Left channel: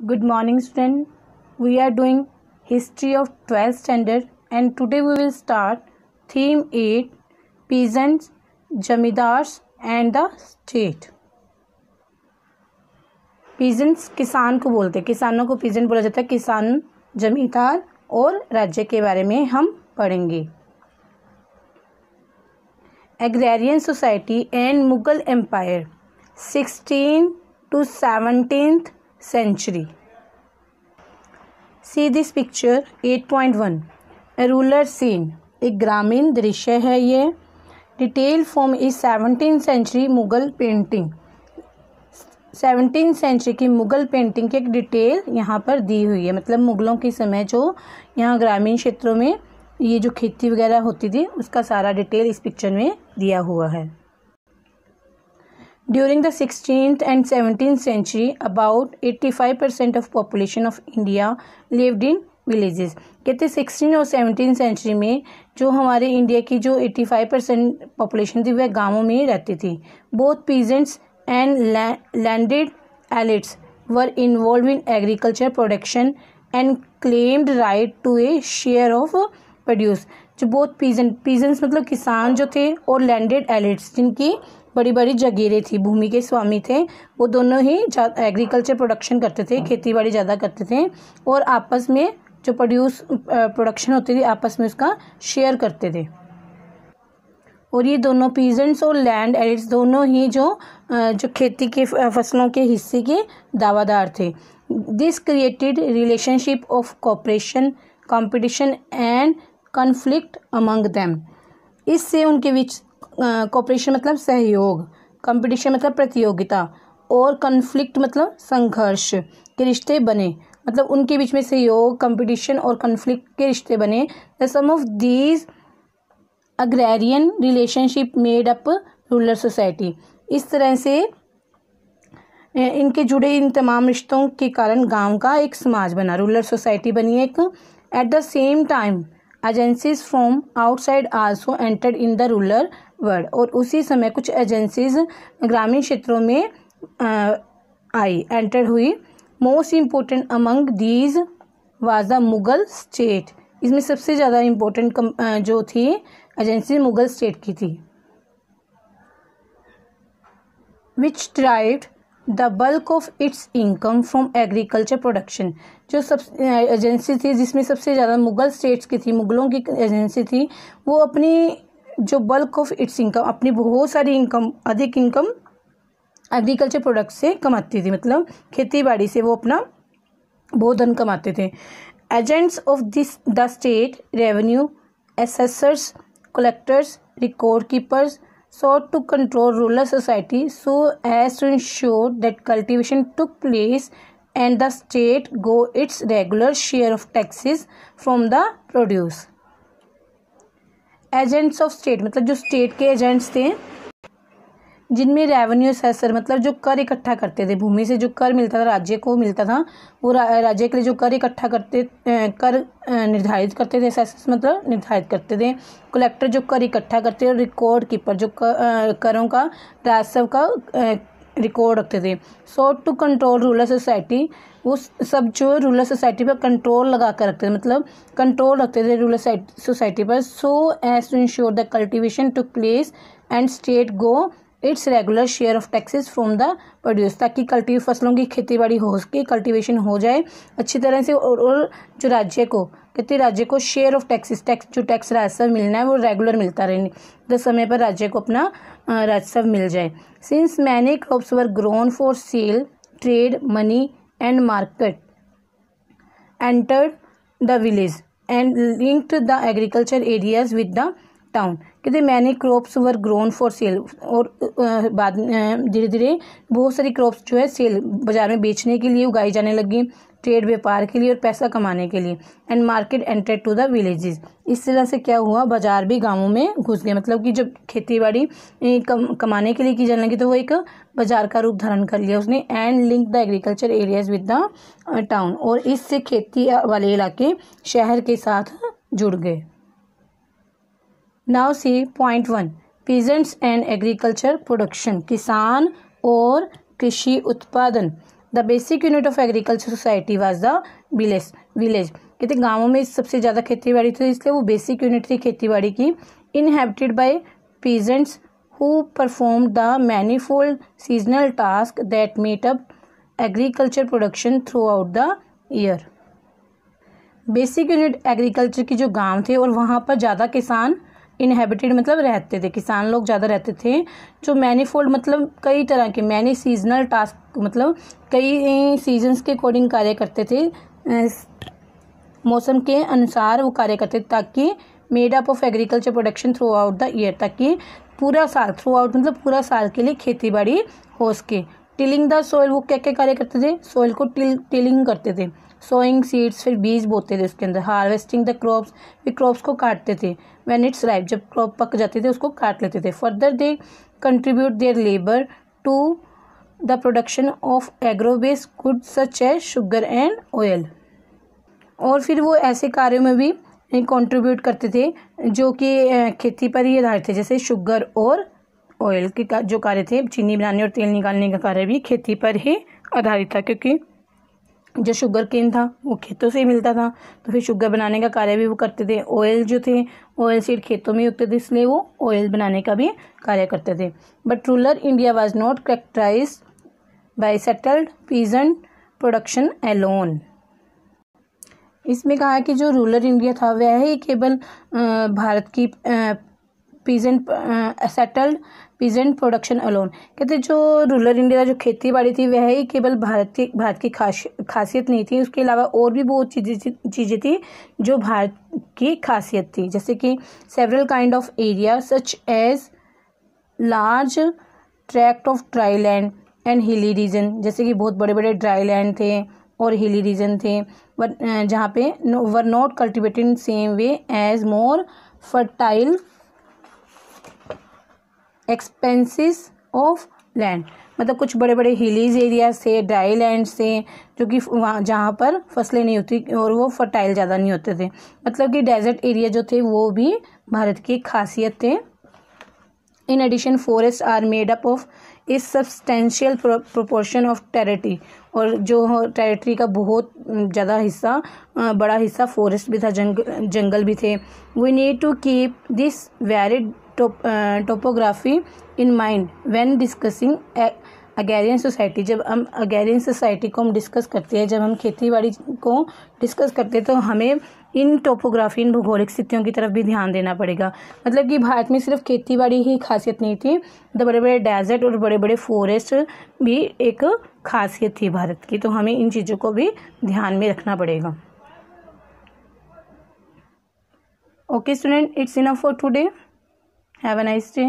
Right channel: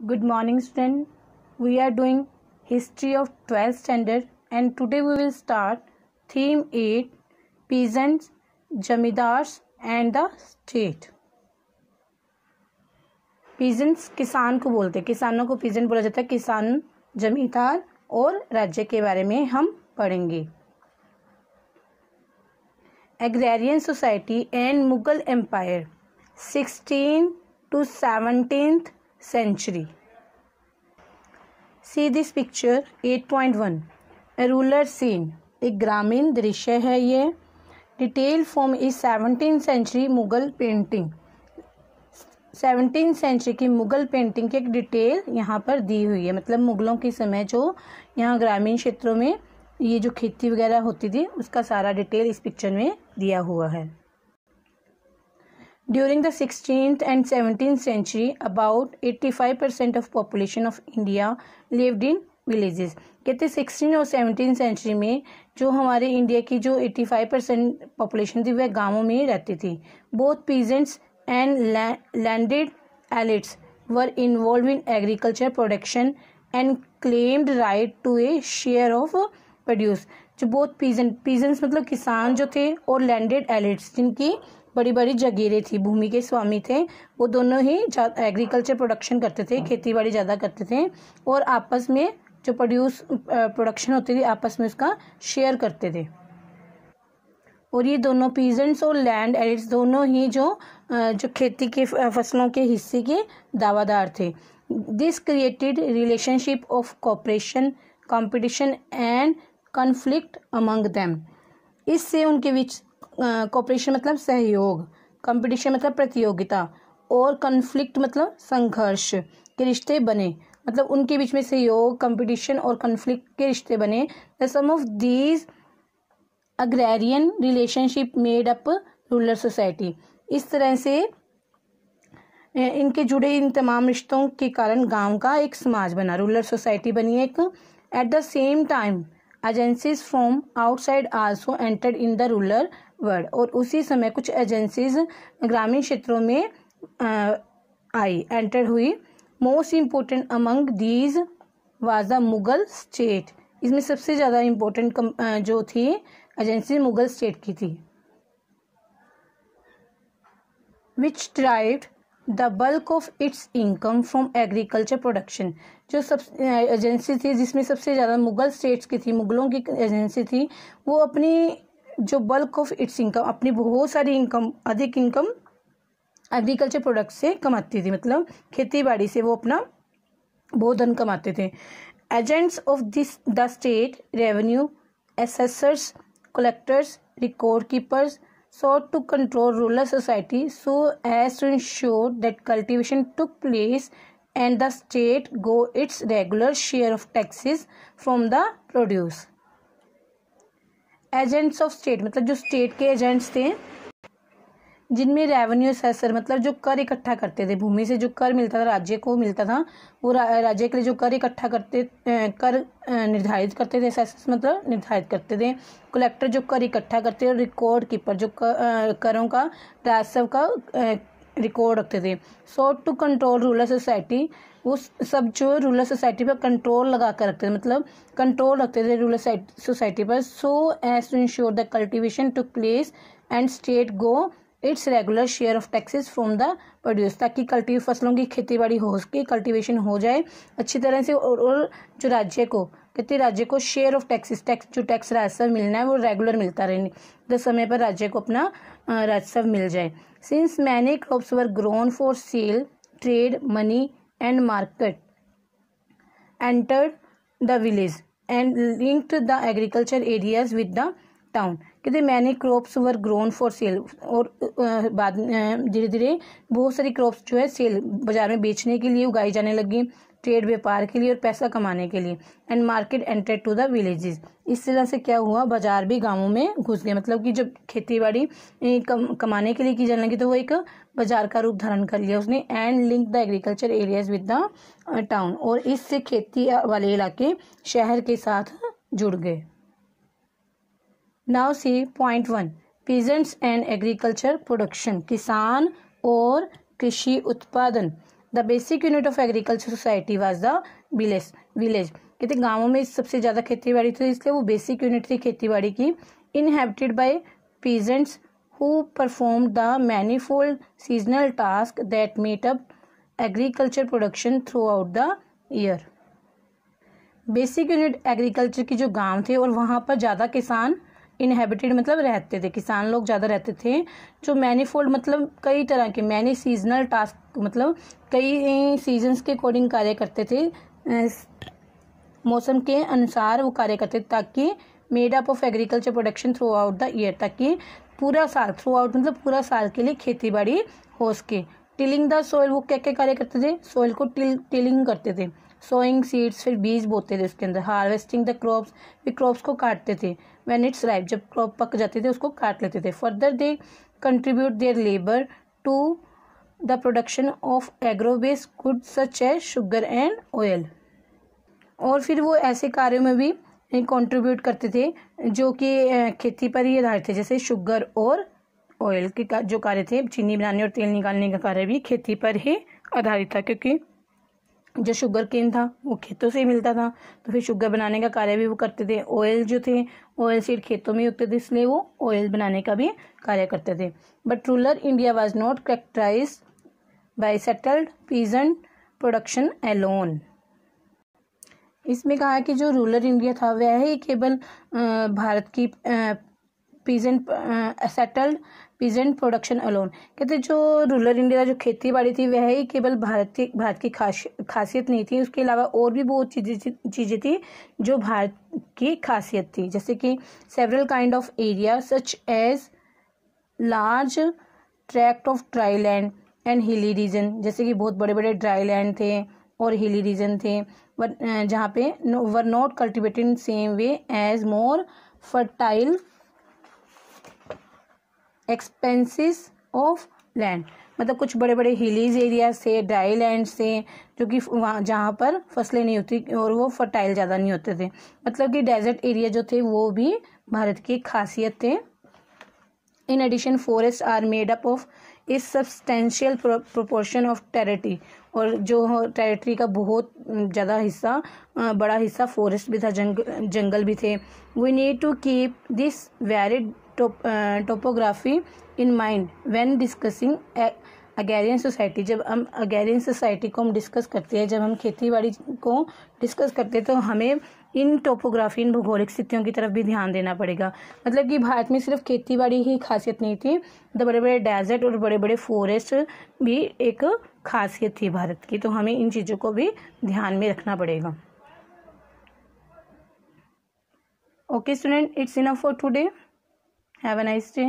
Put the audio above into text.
Good morning, student. We are doing history of 12th standard, and today we will start theme 8, peasants, jamidars and the state. peasants किसान को बोलते हैं, किसानों को peasant बोला जाता है. किसान, जमींदार और राज्य के बारे में हम पढ़ेंगे. Agrarian society and Mughal empire 16th to 17th century. See this picture 8.1. A rural scene. एक ग्रामीण दृश्य है ये. Detail form is 17th century Mughal painting. 17th century की मुगल पेंटिंग की एक डिटेल यहाँ पर दी हुई है. मतलब मुगलों के समय जो यहाँ ग्रामीण क्षेत्रों में ये जो खेती वगैरह होती थी उसका सारा डिटेल इस पिक्चर में दिया हुआ है. During the 16th and 17th century, about 85% of population of India lived in villages. कहते 16 और 17th century में जो हमारे इंडिया की जो 85% population थी वह गांवों में ही रहती थी. Both peasants and landed elites were involved in agriculture production and claimed right to a share of produce. जो both peasants मतलब किसान जो थे और landed elites जिनकी बड़ी बड़ी जागीरें थी, भूमि के स्वामी थे, वो दोनों ही एग्रीकल्चर प्रोडक्शन करते थे, खेती बाड़ी ज़्यादा करते थे और आपस में जो प्रोडक्शन होती थी आपस में उसका शेयर करते थे. और ये दोनों पीजेंट्स और लैंड एलिट्स दोनों ही जो खेती के फसलों के हिस्से के दावादार थे. This created relationship of cooperation, competition and conflict among them. इससे उनके बीच कोऑपरेशन मतलब सहयोग, कंपटीशन मतलब प्रतियोगिता और कॉन्फ्लिक्ट मतलब संघर्ष के रिश्ते बने. मतलब उनके बीच में सहयोग, कंपटीशन और कॉन्फ्लिक्ट के रिश्ते बने. The sum of these agrarian relationship made up rural society. इस तरह से इनके जुड़े इन तमाम रिश्तों के कारण गांव का एक समाज बना, रूरल सोसाइटी बनी एक. At the same time agencies from outside also entered in the rural world. और उसी समय कुछ एजेंसीज ग्रामीण क्षेत्रों में आई, एंटर हुई. Most important among these was the Mughal state. इसमें सबसे ज़्यादा इम्पोर्टेंट जो थी एजेंसी मुगल स्टेट की थी. Which derived the bulk of its income from agriculture production. जो सब एजेंसी थी जिसमें सबसे ज़्यादा मुगल स्टेट्स की थी, मुगलों की एजेंसी थी, वो अपनी जो बल्क ऑफ इट्स इनकम, अपनी बहुत सारी इनकम, अधिक इनकम एग्रीकल्चर प्रोडक्ट से कमाती थी. मतलब खेती बाड़ी से वो अपना बहुत धन कमाते थे. Agents of this the state revenue, assessors, collectors, record keepers sought to control rural society so as to ensure that cultivation took place and the state got its regular share of taxes from the produce. Agents of state मतलब जो state के agents थे जिनमें revenue assessor मतलब जो कर इकट्ठा करते थे, भूमि से जो कर मिलता था राज्य को मिलता था, वो राज्य के लिए जो कर इकट्ठा करते, कर निर्धारित करते थे, असेसर मतलब निर्धारित करते थे. कलेक्टर जो कर इकट्ठा करते थे और रिकॉर्ड कीपर जो करों का राजस्व का रिकॉर्ड रखते थे. Sought to control rural society, वो सब जो रूरल सोसाइटी पर कंट्रोल लगा कर रखते थे, मतलब कंट्रोल रखते थे रूरल सोसाइटी पर. So as to ensure the cultivation took place and state go its regular share of taxes from the produce. ताकि फसलों की खेती बाड़ी हो सके, कल्टिवेशन हो जाए अच्छी तरह से और जो राज्य को कहते राज्य को शेयर ऑफ टैक्सेस, जो टैक्स राजस्व मिलना है वो रेगुलर मिलता रहे, तो समय पर राज्य को अपना राजस्व मिल जाए. Since many crops were grown for sale, trade, money and market entered the village and linked the agriculture areas with the town. कहते many crops were grown for sale. और बाद धीरे धीरे बहुत सारी क्रॉप्स जो है सेल बाजार में बेचने के लिए उगाई जाने लगी, ट्रेड व्यापार के लिए और पैसा कमाने के लिए. And market enter to the villages. इस तरह से क्या हुआ, बाजार भी गांवों में घुस गए. मतलब कि जब खेती बाड़ी कमाने के लिए की जाने लगी तो वो एक बाजार का रूप धारण कर लिया उसने. And link the agriculture areas with the town. और इससे खेती वाले इलाके शहर के साथ जुड़ गए. Now see point 1, peasants and agriculture production. किसान और कृषि उत्पादन. The basic unit of agriculture society was the village. कहते गाँवों में सबसे ज़्यादा खेती बाड़ी थी, इसलिए वो बेसिक यूनिट थी खेती बाड़ी की। Inhabited bye peasants who performed the manifold seasonal tasks that made up agriculture production throughout the year। Basic unit agriculture की जो गांव थे और वहाँ पर ज़्यादा किसान इनहेबिटेड मतलब रहते थे, किसान लोग ज़्यादा रहते थे। जो मैनीफोल्ड मतलब कई तरह के, मैनी सीजनल टास्क मतलब कई सीजन्स के अकॉर्डिंग कार्य करते थे, मौसम के अनुसार वो कार्य करते थे, ताकि made up of agriculture production through out the year, ताकि पूरा साल, थ्रू आउट मतलब पूरा साल के लिए खेती बाड़ी हो सके। टिलिंग द सॉइल, वो क्या क्या कार्य करते थे, सॉइल को टिलिंग करते थे। सोइंग सीड्स, फिर बीज बोते थे उसके अंदर। हार्वेस्टिंग द क्रॉप्स, फिर क्रॉप्स को काटते थे। व्हेन इट्स राइप, जब क्रॉप पक जाते थे उसको काट लेते थे। Further they contribute their labour to the production of agro based goods such as sugar and oil. और फिर वो ऐसे कार्यों में भी कंट्रीब्यूट करते थे जो कि खेती पर ही आधारित थे, जैसे शुगर और ऑयल के जो कार्य थे, चीनी बनाने और तेल निकालने का कार्य भी खेती पर ही आधारित था, क्योंकि जो शुगर केन था वो खेतों से ही मिलता था, तो फिर शुगर बनाने का कार्य भी वो करते थे। ऑयल जो थे, ऑयल सीड खेतों में उगते थे, इसलिए वो ऑयल बनाने का भी कार्य करते थे। But rural India was not characterised by settled peasant production alone. इसमें कहा है कि जो रूरल इंडिया था वह ही केवल भारत की सेटल्ड पीजेंट प्रोडक्शन अलोन। कहते जो रूरल इंडिया जो खेती बाड़ी थी वह ही केवल भारत की खासियत नहीं थी, उसके अलावा और भी बहुत चीज़ें थी जो भारत की खासियत थी, जैसे कि several kind of area such as large tract of dry land and hilly region, जैसे कि बहुत बड़े बड़े ड्राई लैंड थे और हिली रीजन थे, जहाँ पे were not cultivated in same way as more fertile expanses of land. मतलब कुछ बड़े बड़े हिलीज एरिया से, ड्राई लैंड से, जो कि वहाँ जहाँ पर फसलें नहीं होती और वो फर्टाइल ज़्यादा नहीं होते थे। मतलब कि डेजर्ट एरिया जो थे वो भी भारत की खासियत थे। In addition forest are made up of a substantial proportion of territory, और जो टेरिटरी का बहुत ज़्यादा हिस्सा, बड़ा हिस्सा फॉरेस्ट भी था, जंगल भी थे। We need to keep this varied topography in mind when discussing agrarian society. जब हम अगेरियन सोसाइटी को हम डिस्कस करते हैं, जब हम खेती बाड़ी को डिस्कस करते हैं, तो हमें इन टोपोग्राफी, इन भौगोलिक स्थितियों की तरफ भी ध्यान देना पड़ेगा। मतलब कि भारत में सिर्फ खेती बाड़ी ही खासियत नहीं थी, तो बड़े बड़े डेजर्ट और बड़े बड़े फॉरेस्ट भी एक खासियत थी भारत की, तो हमें इन चीज़ों को भी ध्यान में रखना पड़ेगा। Okay student, it's enough for today. Have a nice day.